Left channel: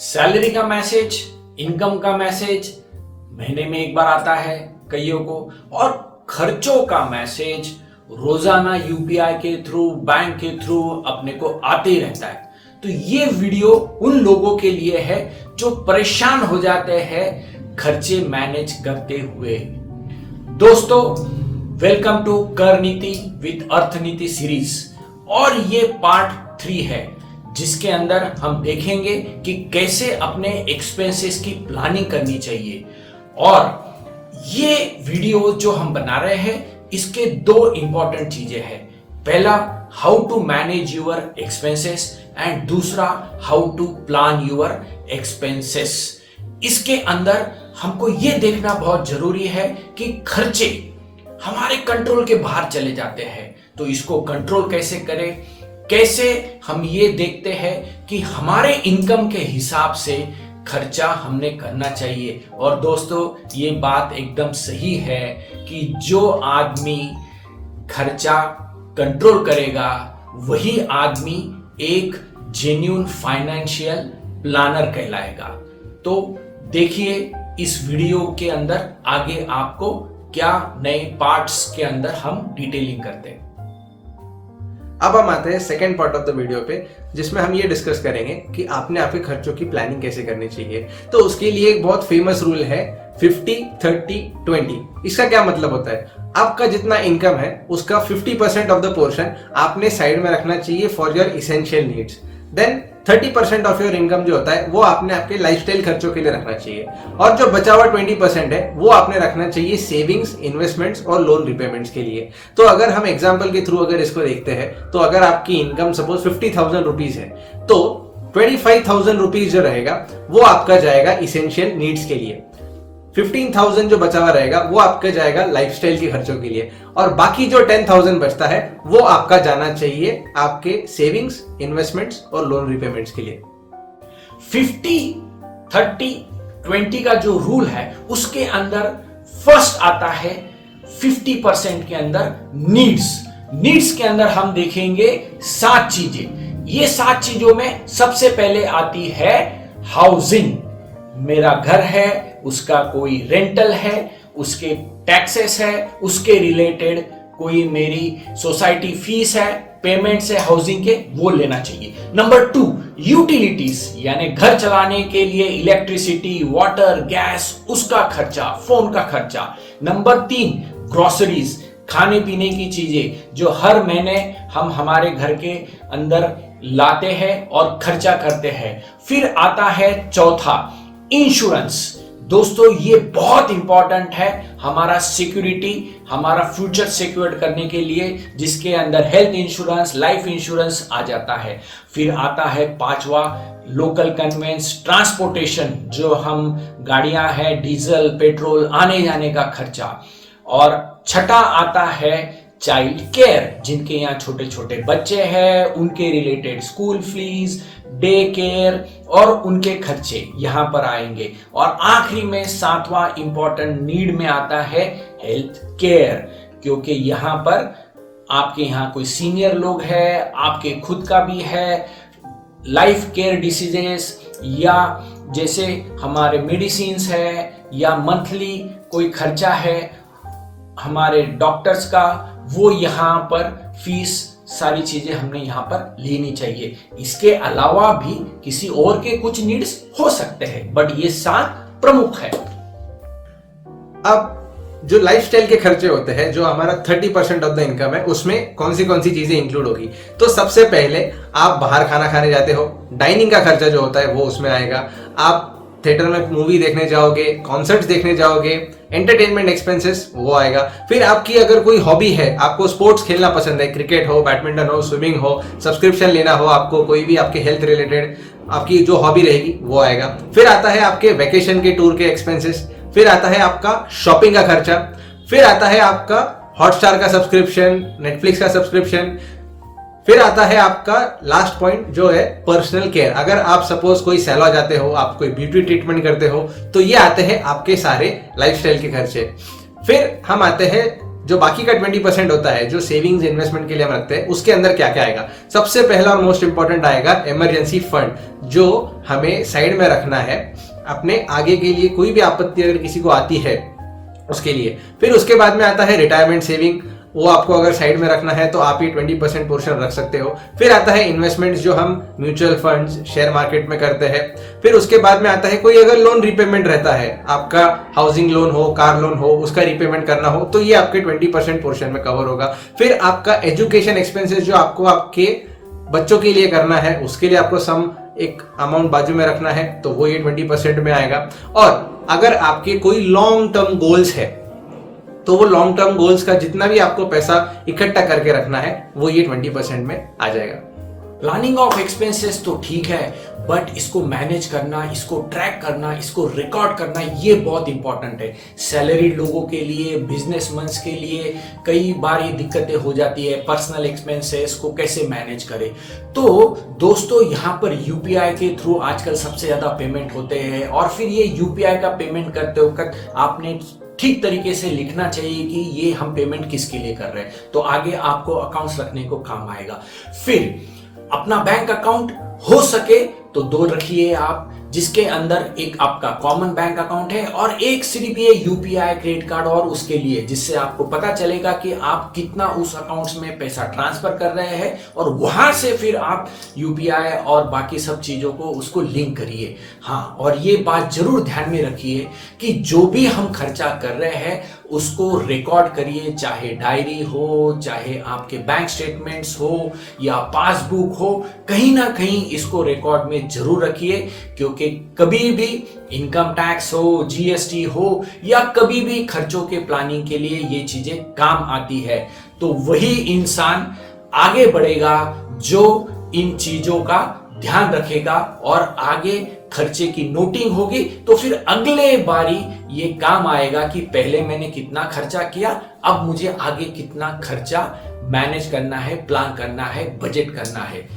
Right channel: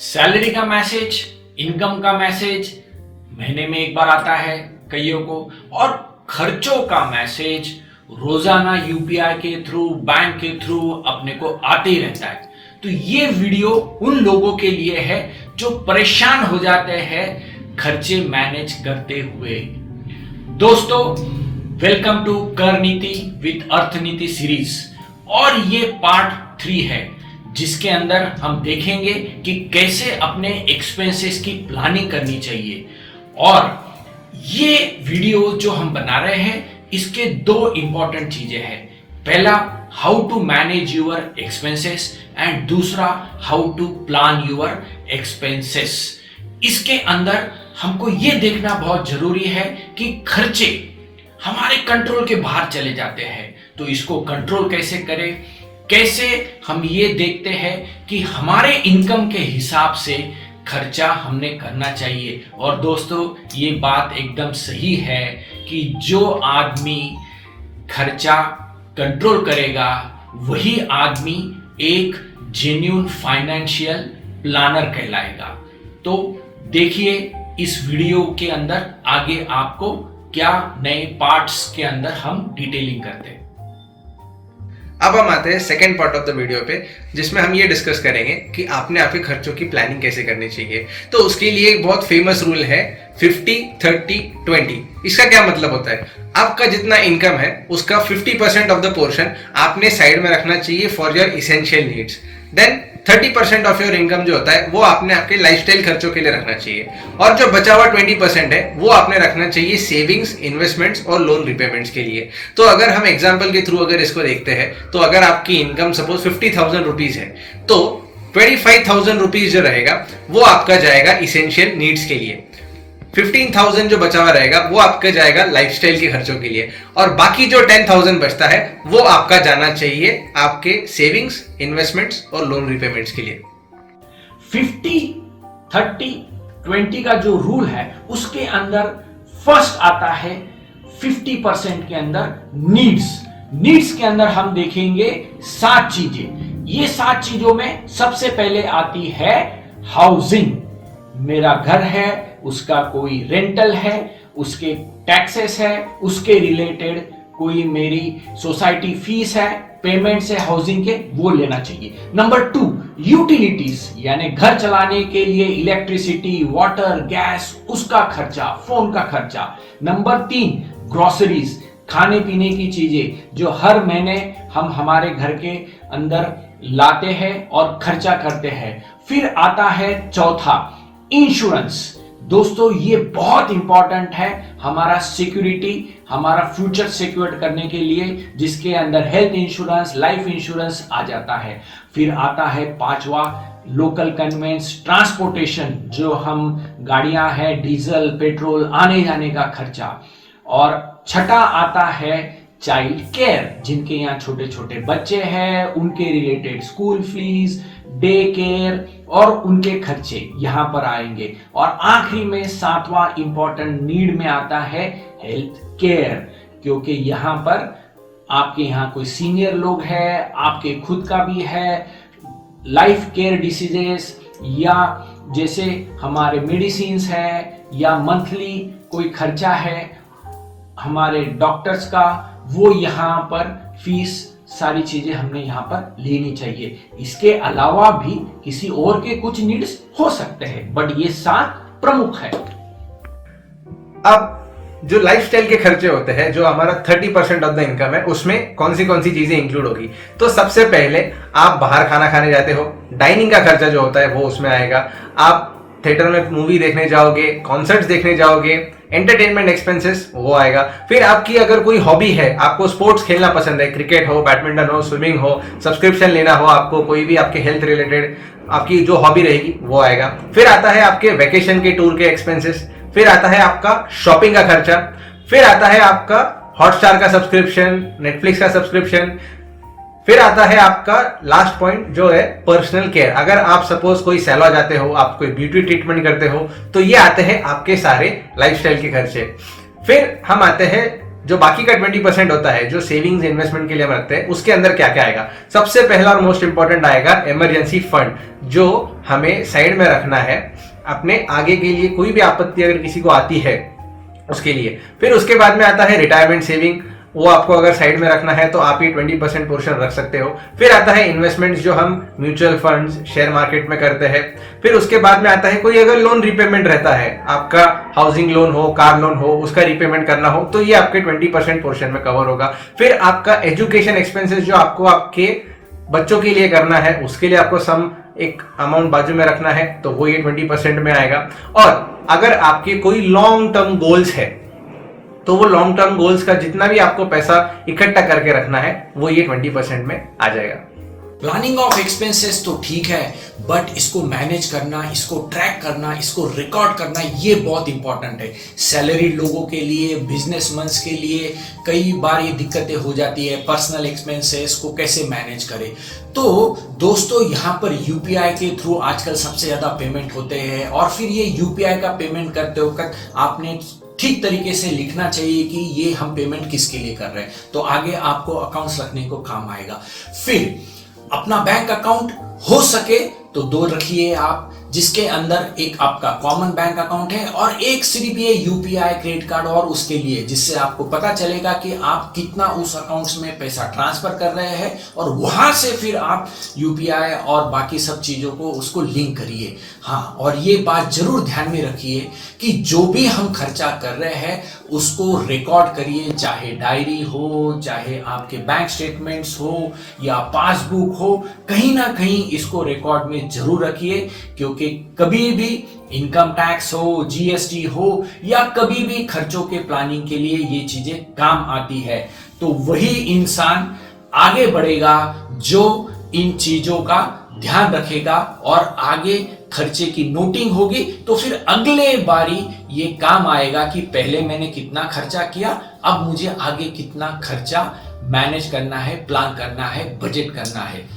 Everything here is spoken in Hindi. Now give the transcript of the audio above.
सैलरी का मैसेज, इनकम का मैसेज महीने में एक बार आता है कईयों को, और खर्चों का मैसेज रोजाना यूपीआई के थ्रू, बैंक के थ्रू अपने को आते ही रहता है। तो ये वीडियो उन लोगों के लिए है जो परेशान हो जाते हैं खर्चे मैनेज करते हुए। दोस्तों, वेलकम टू कर नीति विद अर्थनीति सीरीज, और ये पार्ट 3 है जिसके अंदर हम देखेंगे कि कैसे अपने एक्सपेंसेस की प्लानिंग करनी चाहिए। और ये वीडियो जो हम बना रहे हैं इसके 2 इंपॉर्टेंट चीजें हैं। पहला, how to manage your expenses, and दूसरा, how to plan your expenses. इसके अंदर हमको ये देखना बहुत जरूरी है कि खर्चे हमारे कंट्रोल के बाहर चले जाते हैं, तो इसको कंट्रोल कैसे करें। कैसे हम ये देखते हैं कि हमारे इनकम के हिसाब से खर्चा हमने करना चाहिए। और दोस्तों, ये बात एकदम सही है कि जो आदमी खर्चा कंट्रोल करेगा वही आदमी एक जेन्युइन फाइनेंशियल प्लानर कहलाएगा। तो देखिए इस वीडियो के अंदर आगे आपको क्या नए पार्ट्स के अंदर हम डिटेलिंग करते हैं। अब हम आते हैं second part of the video पे, जिसमें हम ये डिस्कस करेंगे कि आपने आपके खर्चों की प्लानिंग कैसे करनी चाहिए। तो उसके लिए एक बहुत फेमस रूल है 50-30-20। इसका क्या मतलब होता है? आपका जितना इनकम है उसका 50% ऑफ द पोर्शन आपने साइड में रखना चाहिए for your essential needs. Then 30% of your income जो होता है वो आपने आपके लाइफस्टाइल खर्चों के लिए रखना चाहिए, और जो बचा हुआ 20% है वो आपने रखना चाहिए सेविंग्स, इन्वेस्टमेंट्स और लोन रिपेमेंट्स के लिए। तो अगर हम एग्जांपल के थ्रू अगर इसको देखते हैं, तो अगर आपकी इनकम सपोज 50,000 रुपीज है, तो 25,000 रुपीज जो रहेगा वो आपका जाएगा इसेंशियल नीड्स के लिए। 15,000 जो बचा हुआ रहेगा वो आपका जाएगा लाइफस्टाइल के खर्चों के लिए, और बाकी जो 10,000 बचता है वो आपका जाना चाहिए आपके सेविंग्स, इन्वेस्टमेंट्स और लोन रिपेमेंट्स के लिए। 50-30-20 का जो रूल है उसके अंदर फर्स्ट आता है 50% के अंदर नीड्स के अंदर हम देखेंगे 7 चीजें। ये 7 चीजों में सबसे पहले आती है हाउसिंग। मेरा घर है, उसका कोई रेंटल है, उसके टैक्सेस है, उसके रिलेटेड कोई मेरी सोसाइटी फीस है, पेमेंट्स है हाउसिंग के, वो लेना चाहिए। नंबर 2, यूटिलिटीज, यानी घर चलाने के लिए इलेक्ट्रिसिटी, वाटर, गैस, उसका खर्चा, फोन का खर्चा। नंबर 3, ग्रोसरीज, खाने पीने की चीजें जो हर महीने हम हमारे घर के अंदर लाते हैं और खर्चा करते हैं। फिर आता है चौथा, इंश्योरेंस। दोस्तों, ये बहुत इंपॉर्टेंट है हमारा सिक्योरिटी, हमारा फ्यूचर सिक्योर करने के लिए, जिसके अंदर हेल्थ इंश्योरेंस, लाइफ इंश्योरेंस आ जाता है। फिर आता है 5वां, लोकल कन्वेंस, ट्रांसपोर्टेशन, जो हम गाड़ियां हैं, डीजल, पेट्रोल, आने जाने का खर्चा। और 6ठा आता है चाइल्ड केयर, जिनके यहाँ छोटे छोटे बच्चे हैं, उनके related school fees, day care और उनके खर्चे यहां पर आएंगे। और आखिरी में 7वां इंपॉर्टेंट नीड में आता है हेल्थ केयर, क्योंकि यहां पर आपके यहाँ कोई सीनियर लोग है, आपके खुद का भी है, लाइफ केयर डिसीजेस, या जैसे हमारे मेडिसिन्स है, या मंथली कोई खर्चा है हमारे डॉक्टर्स का, वो यहाँ पर फीस, सारी चीजें हमने यहाँ पर लेनी चाहिए। इसके अलावा भी किसी और के कुछ नीड्स हो सकते हैं, बट ये 7 प्रमुख है। अब जो लाइफस्टाइल के खर्चे होते हैं, जो हमारा 30% ऑफ द इनकम है, उसमें कौन सी चीजें इंक्लूड होगी? तो सबसे पहले आप बाहर खाना खाने जाते हो, डाइनिंग का खर्चा जो होता है वो उसमें आएगा। आप थिएटर में मूवी देखने जाओगे, कॉन्सर्ट्स देखने जाओगे, एंटरटेनमेंट एक्सपेंसेस वो आएगा। फिर आपकी अगर कोई हॉबी है, आपको स्पोर्ट्स खेलना पसंद है, क्रिकेट हो, बैडमिंटन हो, स्विमिंग हो, सब्सक्रिप्शन लेना हो, आपको कोई भी आपके हेल्थ रिलेटेड आपकी जो हॉबी रहेगी वो आएगा। फिर आता है आपके वेकेशन के टूर के एक्सपेंसेस। फिर आता है आपका शॉपिंग का खर्चा। फिर आता है आपका हॉटस्टार का सब्सक्रिप्शन, नेटफ्लिक्स का सब्सक्रिप्शन। फिर आता है आपका लास्ट पॉइंट जो है पर्सनल केयर। अगर आप सपोज कोई सैलून जाते हो, आप कोई ब्यूटी ट्रीटमेंट करते हो, तो ये आते हैं आपके सारे लाइफस्टाइल के खर्चे। फिर हम आते हैं जो बाकी का 20% होता है जो सेविंग्स इन्वेस्टमेंट के लिए हम रखते हैं, उसके अंदर क्या क्या आएगा? सबसे पहला और मोस्ट इंपॉर्टेंट आएगा इमरजेंसी फंड, जो हमें साइड में रखना है अपने आगे के लिए, कोई भी आपत्ति अगर किसी को आती है उसके लिए। फिर उसके बाद में आता है रिटायरमेंट सेविंग, वो आपको अगर साइड में रखना है तो आप ये 20% पोर्शन रख सकते हो। फिर आता है इन्वेस्टमेंट्स, जो हम म्यूचुअल फंड्स, शेयर मार्केट में करते हैं। फिर उसके बाद में आता है कोई अगर लोन रिपेमेंट रहता है, आपका हाउसिंग लोन हो, कार लोन हो, उसका रिपेमेंट करना हो, तो ये आपके 20% पोर्शन में कवर होगा। फिर आपका एजुकेशन एक्सपेंसेस, जो आपको आपके बच्चों के लिए करना है, उसके लिए आपको सम एक अमाउंट बाजू में रखना है, तो वो ये 20% में आएगा। और अगर आपके कोई लॉन्ग टर्म गोल्स है, तो वो लॉन्ग टर्म गोल्स का जितना भी आपको पैसा इकट्ठा करके रखना है, वो ये 20% में आ जाएगा। प्लानिंग ऑफ एक्सपेंसेस तो ठीक है, बट इसको मैनेज करना, इसको ट्रैक करना, इसको रिकॉर्ड करना, ये बहुत इंपॉर्टेंट है। सैलरी लोगों के लिए, बिजनेसमैन के लिए कई बार ये दिक्कतें हो जाती है, पर्सनल एक्सपेंसेस को कैसे मैनेज करें। तो दोस्तों, यहाँ पर यूपीआई के थ्रू आजकल सबसे ज्यादा पेमेंट होते हैं, और फिर ये यूपीआई का पेमेंट करते वक्त आपने ठीक तरीके से लिखना चाहिए कि ये हम पेमेंट किसके लिए कर रहे हैं, तो आगे आपको अकाउंट्स रखने को काम आएगा। फिर अपना बैंक अकाउंट हो सके तो 2 रखिए आप, जिसके अंदर एक आपका कॉमन बैंक अकाउंट है और एक सिर्फ ये यूपीआई क्रेडिट कार्ड और उसके लिए, जिससे आपको पता चलेगा कि आप कितना उस अकाउंट्स में पैसा ट्रांसफर कर रहे हैं, और वहां से फिर आप यूपीआई और बाकी सब चीजों को उसको लिंक करिए। हाँ, और ये बात जरूर ध्यान में रखिए कि जो भी हम खर्चा कर रहे हैं उसको रिकॉर्ड करिए, चाहे डायरी हो, चाहे आपके बैंक स्टेटमेंट्स हो या पासबुक हो, कहीं ना कहीं इसको रिकॉर्ड में जरूर रखिए, क्योंकि कभी भी इनकम टैक्स हो, जीएसटी हो, या कभी भी खर्चों के प्लानिंग के लिए ये चीजें काम आती है। तो वही इंसान आगे बढ़ेगा जो इन चीजों का ध्यान रखेगा, और आगे खर्चे की नोटिंग होगी तो फिर अगले बारी ये काम आएगा कि पहले मैंने कितना खर्चा किया, अब मुझे आगे कितना खर्चा मैनेज करना है, प्लान करना है, बजट करना है।